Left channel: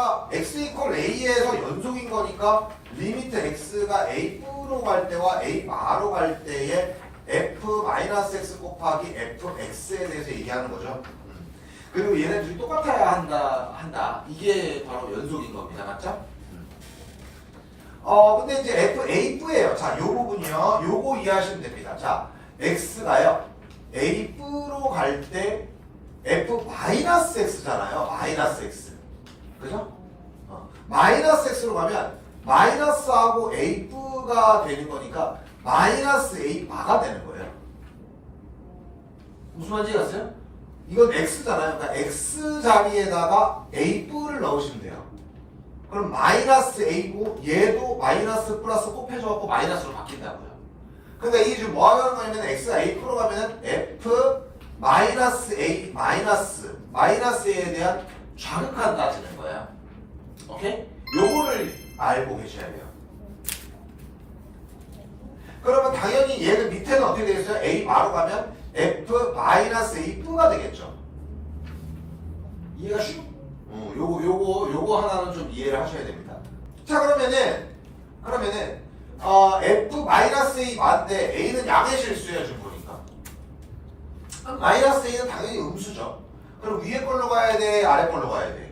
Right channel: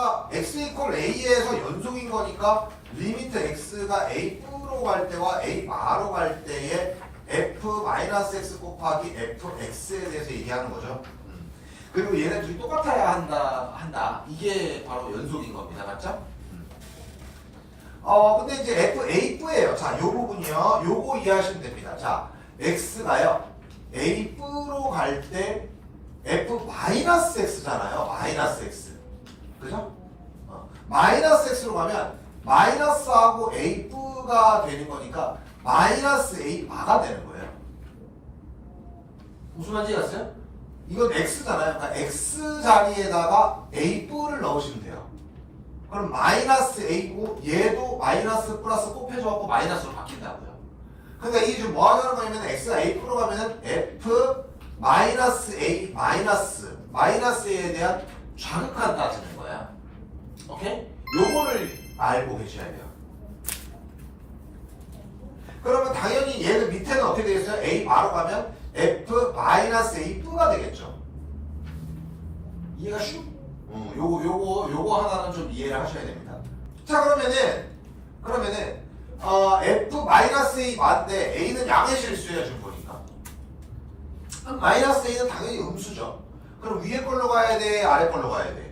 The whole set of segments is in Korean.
그러니까 x 이퀄 a에서 연속인 거니까 리미트 x가 a로 갈 때와 a 마로 갈 때의 f 마이너스 x 곱하기 fx에 대해서 얘기하는 거죠. 음. 그리고 얘네들이 똑같아야 한다 한다. 이게 바로 연속인 겁니다. 맞죠? 음. 어 근데 이제 f a프예요. 자, 요 부분이요. 요거 이해하시면 됩니다. 자, x가요. a프로 갈 때 f 마이너스 x잖아요. 마이너스 x. 그죠? 어, 마이너스 x로 가면 마이너스하고 a가 되는 거니까 마이너스 a 마가 되는 거예요. 무슨 말인지 아세요? 이건 x잖아요. 그러니까 x 자리에다가 a를 넣으시면 돼요. 그럼 마이너스 a고 얘도 마이너스 플러스 곱해져갖고 마이너스로 바뀐다고요. 그러니까 이게 지금 뭐 하는 거냐면 x가 a로 가면은 f 마이너스 a 마이너스 마이너스 a에 대한 좌극한 따지는 거야. 오케이? 요거를 알고 계셔야 돼요. 그러면 당연히 얘는 밑에는 어떻게 되겠어요? a 바로 가면 f 마이너스 a 가 되겠죠. 이해가 쉬? 어, 요거 요거 요거 하나는 좀 이해를 하셔야 됩니다. 자 그러면은 그러면은 어, f 마이너스 a 맞는데 a는 양의 실수예요 지금 보니까. 그럼 마이너스 a는 당연히 음수죠. 그럼 위에 걸로 가야 돼, 아래 걸로 가야 돼.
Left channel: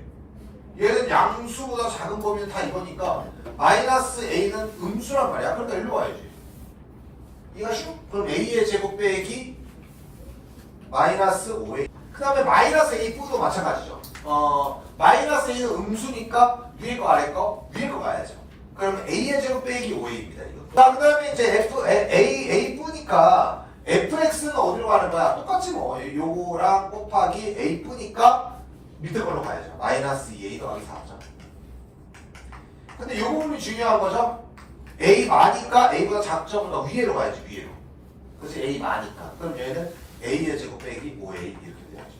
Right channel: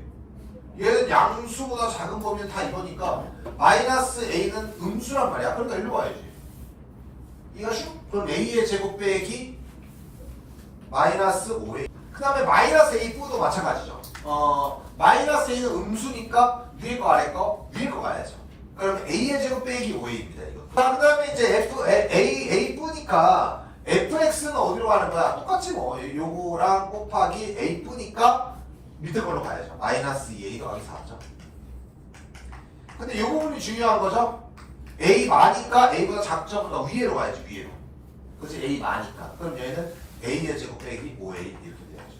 얘는 양수보다 작은 범위는 다 이거니까 마이너스 a는 음수란 말이야. 그러니까 일로 와야지. 이거 쉬? 그럼 a의 제곱 빼기 마이너스 5a. 그 다음에 마이너스 a 도 마찬가지죠. 어, 마이너스 a는 음수니까 위에 거 아래 거 위에 거 가야죠. 그럼 a의 제곱 빼기 5a입니다. 이거. 자, 그 다음에 이제 f a a 뿌니까 fx는 어디로 가는 거야? 똑같지 뭐. 요거랑 곱하기 a 뿌니까 밑에 걸로 가야죠. 마이너스 2a 더하기 4죠. 근데 요 부분이 중요한 거죠. a 많으니까 a보다 작죠? 보다 위로 가야지 위로. 그렇지 a 많으니까. 그럼 얘는 a의 제곱 빼기 5a 이렇게 돼야죠.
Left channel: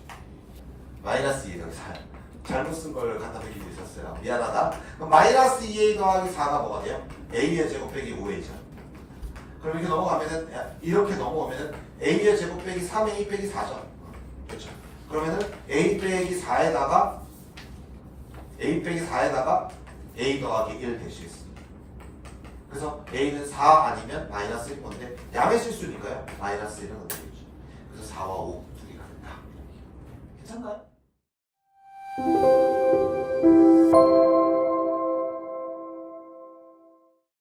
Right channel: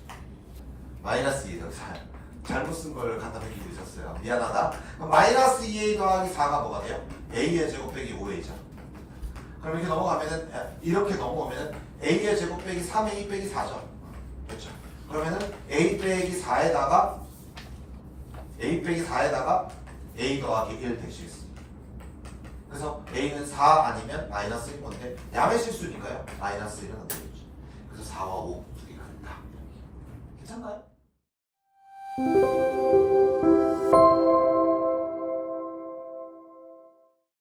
마이너스 2a 더하기 4야. 잘못 쓴 걸 갖다 드리고 있었어요. 미안하다. 마이너스 2a 더하기 4가 뭐가 돼요? a의 제곱 빼기 5a죠. 그럼 이렇게 넘어가면은 이렇게 넘어오면은 a의 제곱 빼기 3a 빼기 4죠. 그렇죠. 그러면은 a 빼기 4에다가 a 빼기 4에다가 a 더하기 1 대시겠습니다. 그래서 a는 4 아니면 마이너스 1 건데 양의 실수니까요. 마이너스 1은 어떻게 되죠? 그래서 4와 5 두 개가 된다. 괜찮나요?